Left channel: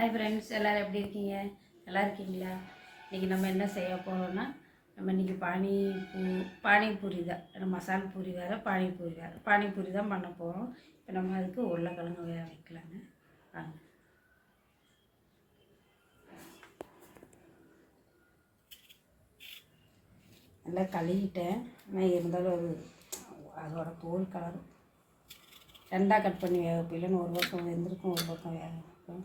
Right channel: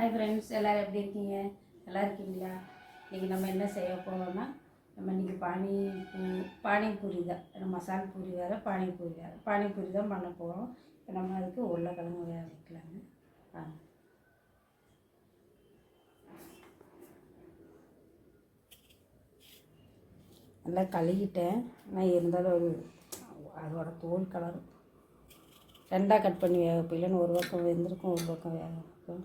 Hi friends, எல்லோரும் எப்படி இருக்கீங்க? நல்லா இருக்கீங்களா? இன்றைக்கி நம்ம என்ன செய்ய போகிறோன்னா, நம்ம இன்றைக்கி பானிபூரி தான். மசால் பூரி வேறு, பானிபூரி தான் பண்ண போகிறோம். இப்போ நம்ம அதுக்கு உருளைக்கிழங்கு வேக வைக்கலாங்க. வாங்க. நல்லா கழுவிட்டேன். ஆனால் இருந்தாலும் அதோட தோல் கலர் ரெண்டாக கட் பண்ணி வேக வைப்பேன். ஒரு பக்கம் வெந்திருக்கும், ஒரு பக்கம் வேக வைப்பேன்.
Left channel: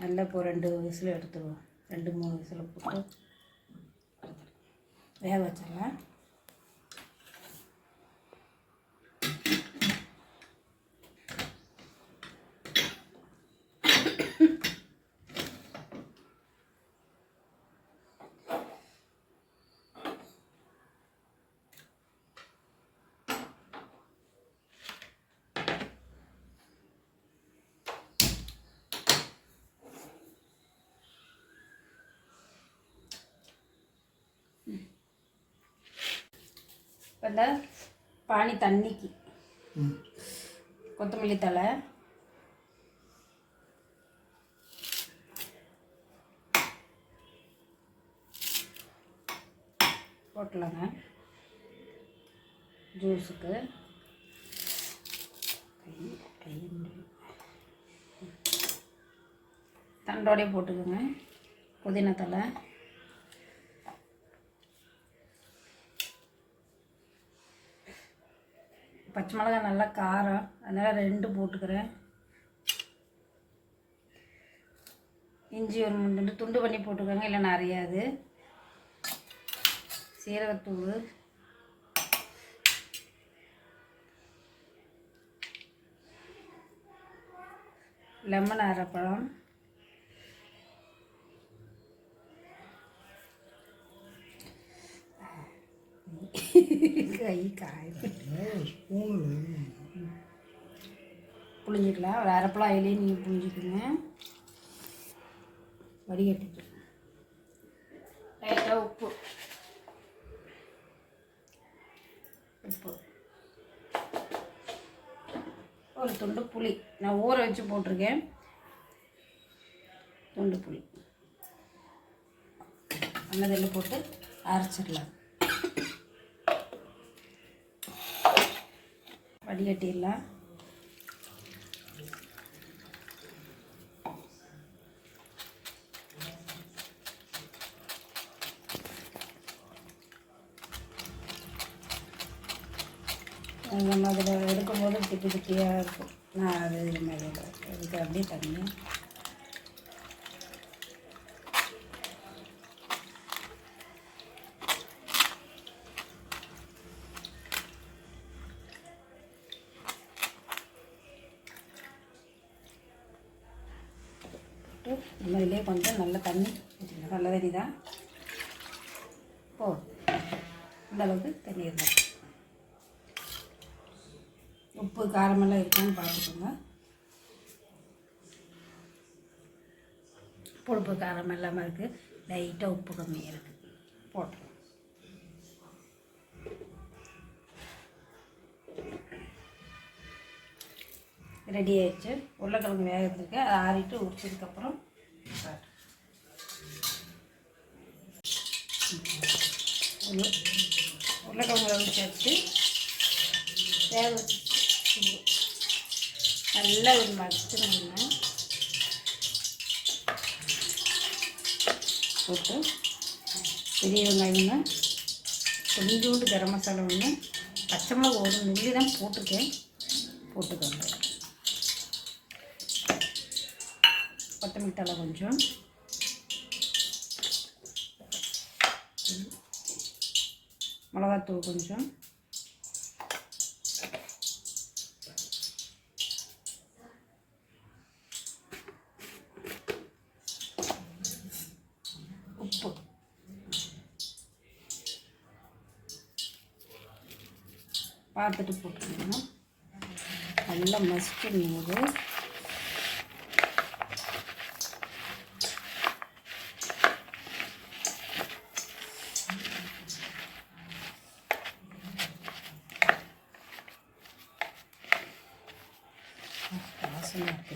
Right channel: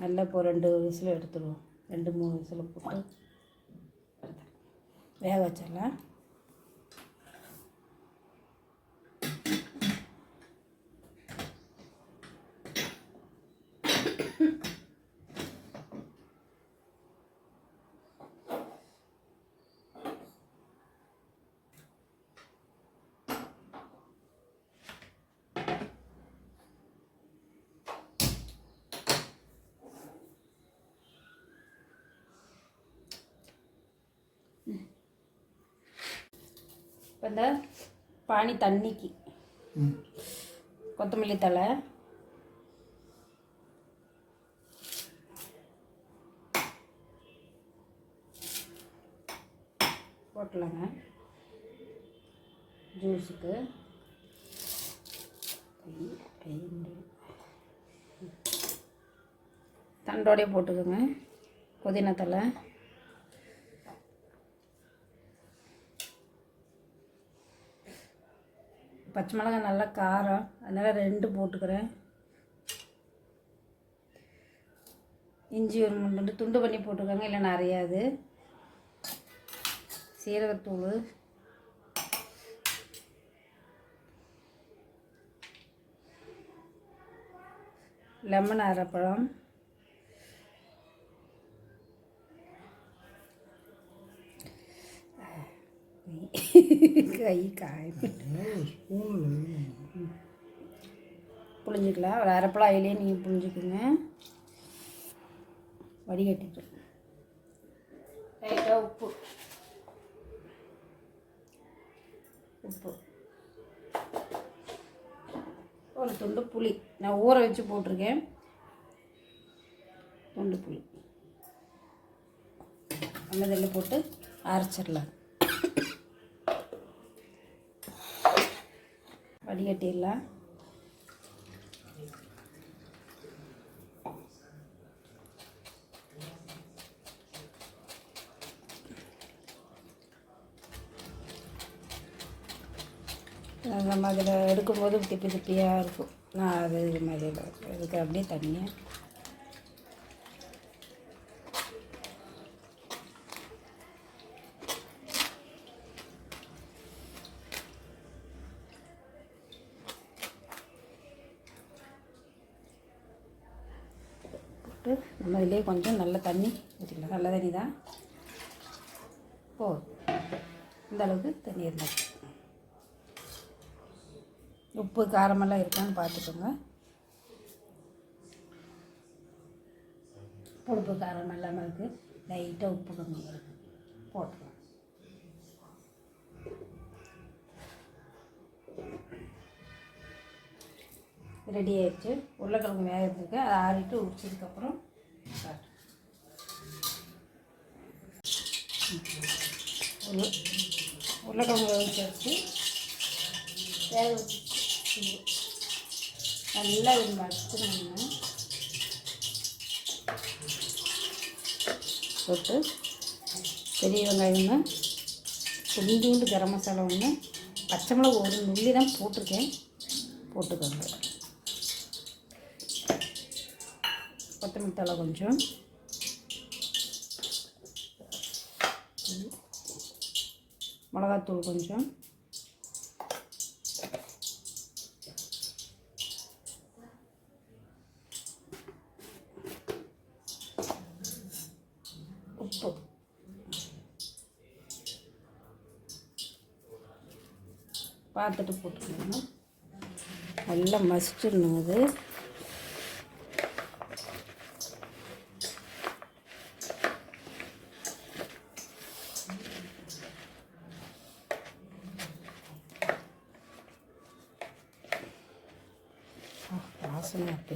நல்லா இப்போ 2 விசில் எடுத்துடுவோம். 2-3 விசில் போட்டு வேக வச்சிடலாம். இப்போ இந்த பானி தண்ணிக்கு கொத்தமல்லி தழை, போட்டலாங்க. ஜூஸுக்கு தண்டோடையே போட்டுக்கோங்க. புதினா தழை, பச்சை மிளகாய் நல்லா காரம், அதனால் 2 போட்டுக்கிறேன். இஞ்சி ஒரு 3 துண்டு பண்ணி போட்டுக்கோங்க, இல்லை நிறையாது. சீரகத்தூள், லெமன் அரைப்பழம், கை காய் புளிஞ்சிக்கலாம். ஒரு அரைப்பழம் அதிலேயே நீங்கள் புளிஞ்சிக்கோங்க. வடிகட்டிட்டு லைட்டாக உப்பு ஒரு துண்டு புளி நான் ஊற வச்சு போட்டிருக்கேன். துண்டு புளி நல்லதில் போட்டு அரைச்சிடலாம். வடிகட்டிடலாம். நம்ம அதில் எடுக்கும்போது திப்பி திப்பியாக இருக்கும். நான் அது மாதிரி அதுக்கு அப்படியே தனியாக நம்ம இதிலே கொஞ்சம் நல்ல தண்ணி வச்சுக்கலாம். நல்ல தண்ணி தான் இந்த அளவுக்கு தண்ணி இருந்தால். உப்பு காரமெல்லாம் இருக்கான்னு பார்த்துக்கோங்க. புளிப்பு காரம் எல்லாமே இருக்குது. லைட்டாக உப்பு கம்மியாக இருக்குது, போட்டுருவோம். ரெடி ஆயிடுச்சு. உருளைக்கிழங்கு வேக வச்சுருக்கேன். அதை ஆறிட்டு உரிச்சதுக்கப்புறம் உருளைக்கிழங்கு வேக வச்சு வேக வச்சு நல்லா ஒரு மசிச்சுருங்க. போட்டு பெரிய வெங்காயம், கொஞ்சோண்டு கரம் மசாலா ஒன்று, பச்சை மிளகு ஒரு நுள்ளி தான் போட்டிருக்கேன், போட்டுக்கோங்க. கொத்தமல்லி தழை கொஞ்சம், மிளகாத்தூள் கொஞ்சம், உப்பு, பார்த்துட்டு போட்டுக்கணும். நல்லா மசிக்கணும்.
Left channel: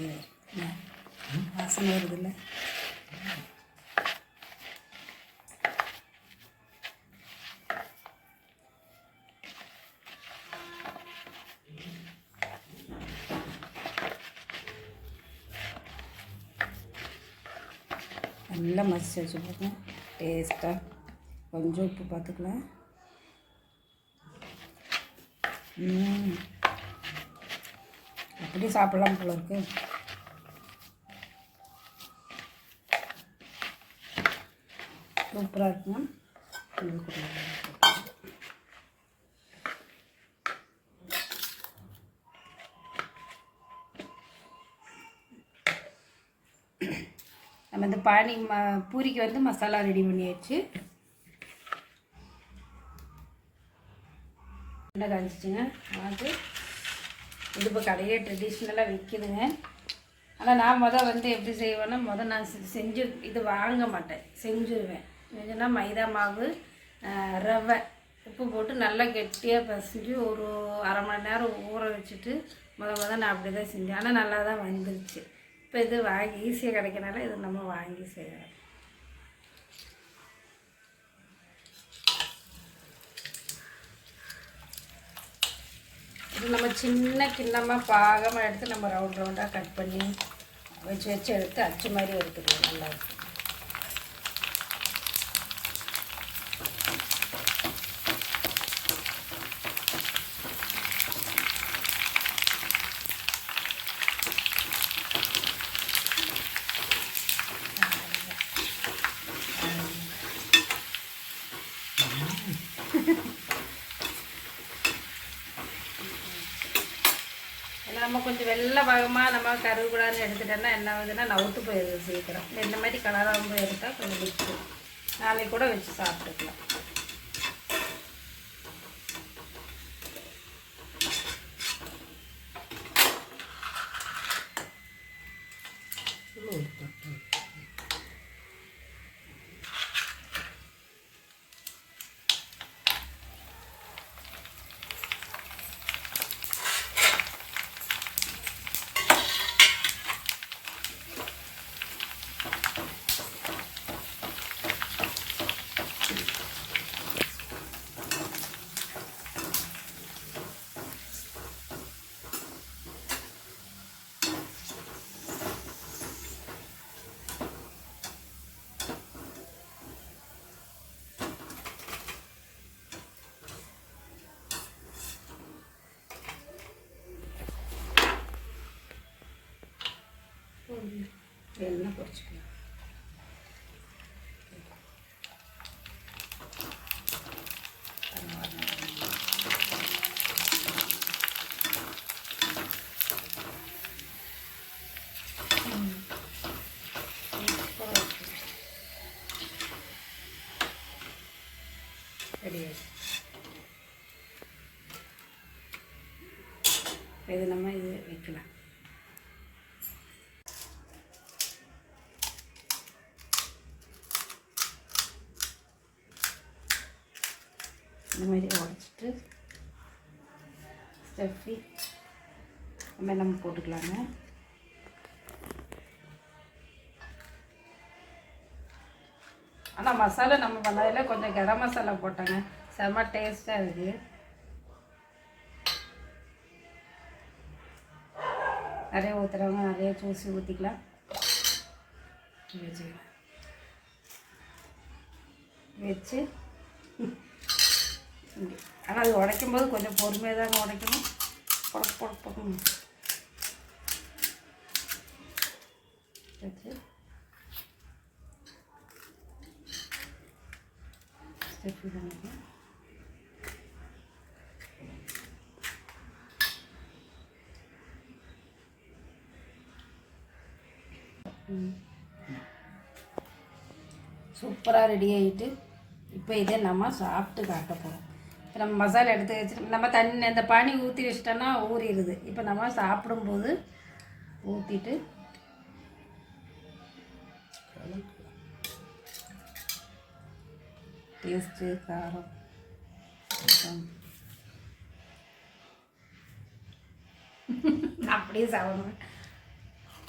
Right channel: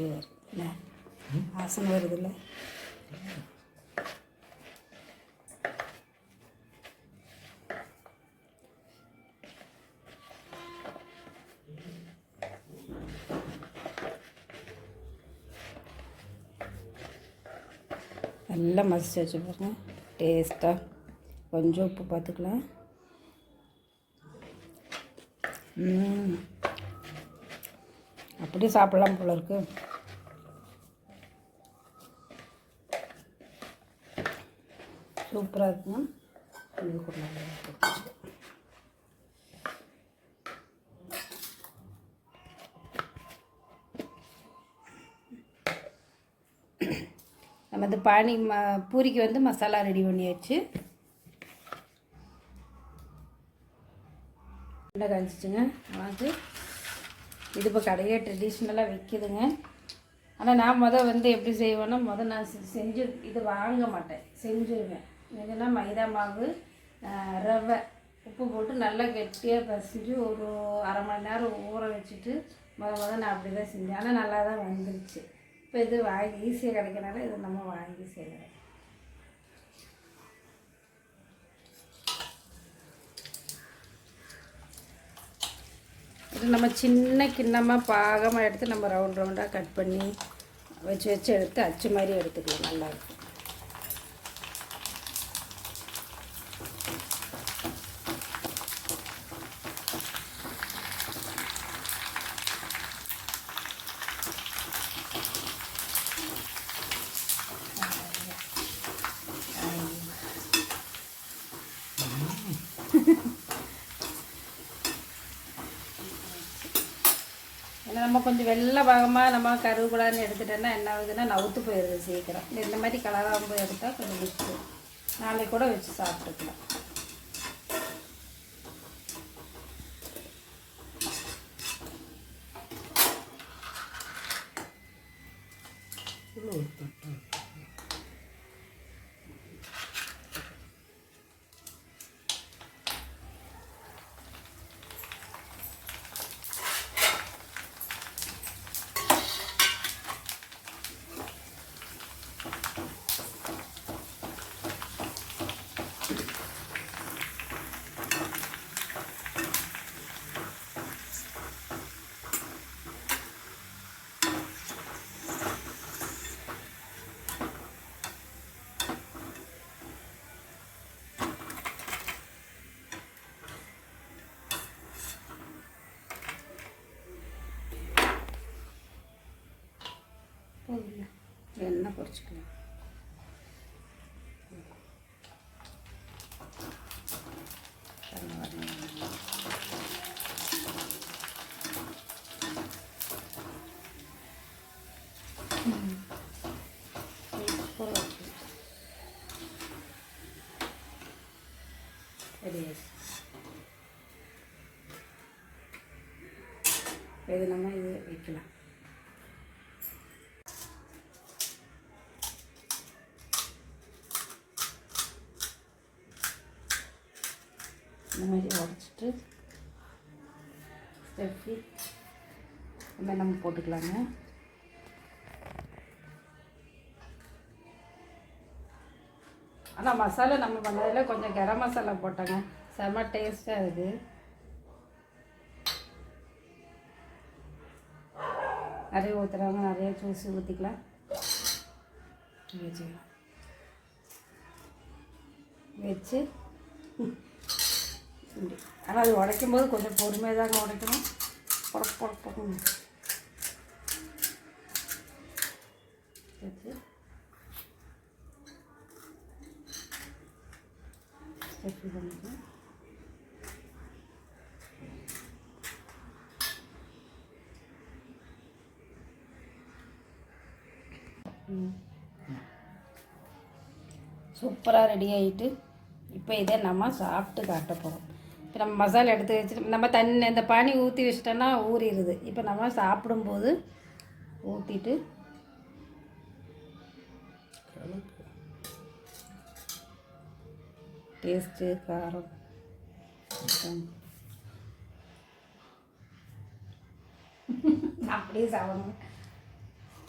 அப்படியே வருது வாசனை வருதுல்ல. நல்லா மசிச்சு வச்சு பார்க்கணும் டேஸ்ட்டாக. கொஞ்சம் உப்பு பார்த்துக்கலாம். அப்படியே சாப்பிட்லாம் போல இருக்கு. சூப்பராக இருக்குங்க. இது கூட நம்ம இந்த பூரிக்கு வந்து மசாலா ரெடி பண்ணியாச்சு. காய்ச்சிச்சுங்க. அது இது இப்போ கடையே ட்ரெடிஷ்னலாக விற்கிதுங்க. ஆனால் நான் வந்து எப்படி செய்வேன்னா நான் செஞ்சு இது வாங்க மாட்டேன், செஞ்சுருவேன். செஞ்சுன்னா மைதா மாவு, ரவை, உப்பு போட்டு நல்லா கெட்டியாக பசைஞ்சு ஒரு அரை மணி நேரம் ஊற வச்சுட்டு நான் அப்படி தான் செஞ்சேன். ஆனால் நல்லா தான் வந்துருச்சு. இப்போ இது வாங்கி ஈஸியாக கிடைக்கனால இது நம்ம வாங்கி செய்யலாம். இது நம்ம சின்ன கிண்ணமாக பாகமாக எடுத்து நம்ம ரவுண்ட் ரவுண்டாக கட் பண்ணி வச்சு எடுத்து அச்சு மாதிரி எடுத்துக்கலாம். நல்லாயிருக்கும். நம்ம கொஞ்சம் வெள்ளை பாகமாக நம்ம கருவேப்பிலான்னு எடுத்துட்டோன்னா என்ன ஆகுதுன்னா நவுத்து போயிடுது சீக்கிரம். இந்த மாதிரி கலராக போய் எடுத்தால் கொஞ்சம் வச்சு நாளைக்கு கூட வச்சு சாப்பிட்டுக்கலாம். எண்ணெய் பொரிச்சுக்கலாம். இது நம்ம இது வைக்கலாம். இந்த மாதிரி உடச்சிட்டு ஸ்டஃபி நம்ம போட்டுக்கலாங்க. ஆனால் மசாலா நம்ம பண்ணதில் கொஞ்சம் கரம் மசாலா போட்டோங்க, செம்ம டேஸ்ட்டாக இருக்குது. நிறைய ஊற்றுறவங்க நிறைய ஜூஸ் ஊற்றிக்கலாம். வச்சு ஆனால் அது உடைக்கும் போது கொஞ்சம் பொறுமையாக தாங்க உடைக்கணும். புடக்கணும் வச்சு ஸ்டெஃபி பண்ணிக்கலாம். சூப்பராக ரெடி ஆகிட்டு இப்போ இதை நம்ம சாப்பிட்டு காட்ட போகிறோம். இப்போ நம்ம மசாலா எடுத்து வச்சுட்டு நம்ம தண்ணி அந்த பானி ஊற்றி வச்சிட்டோன்னா ஊறிடுது. இப்போ நம்ம சாப்பிடும்போது ஊற்றிட்டு டேஸ்ட்டு காரம் அப்படியே சாப்பிடணும்.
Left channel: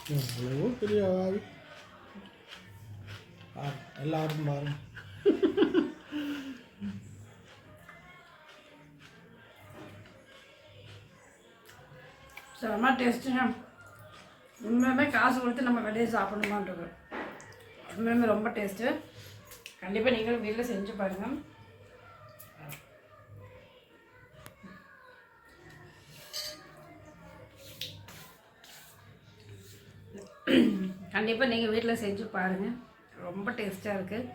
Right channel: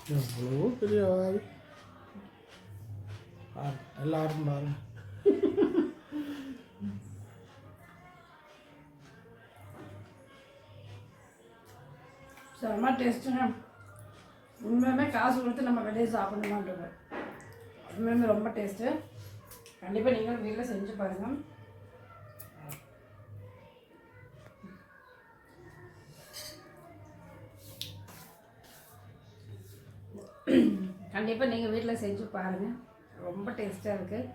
எவ்வளவோ பெரிய ஆள். எல்லாரும் பாருங்க. செம்ம டேஸ்ட்டுங்க. உண்மையுமே காசு கொடுத்து நம்ம வெளியே சாப்பிடணுமான்றது உண்மையுமே ரொம்ப டேஸ்ட்டு. கண்டிப்பாக நீங்களும் வீட்டில் செஞ்சு பாருங்கள். கண்டிப்பாக நீங்கள் வீட்டில் செஞ்சு பாருங்கள். ரொம்ப டேஸ்ட்டாக இருக்குது.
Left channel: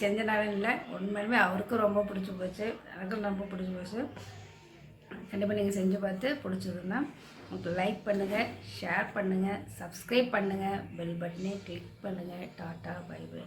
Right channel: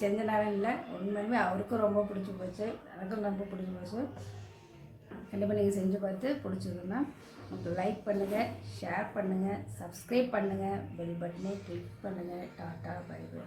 செஞ்ச நேரம் இல்லை, உண்மையுமே அவருக்கும் ரொம்ப பிடிச்சி போச்சு, எனக்கும் ரொம்ப பிடிச்சி போச்சு. கண்டிப்பாக நீங்கள் செஞ்சு பார்த்து பிடிச்சதுன்னா உங்களுக்கு லைக் பண்ணுங்கள், ஷேர் பண்ணுங்கள், சப்ஸ்கிரைப் பண்ணுங்கள், பெல் பட்டனே கிளிக் பண்ணுங்கள். Tata bye by.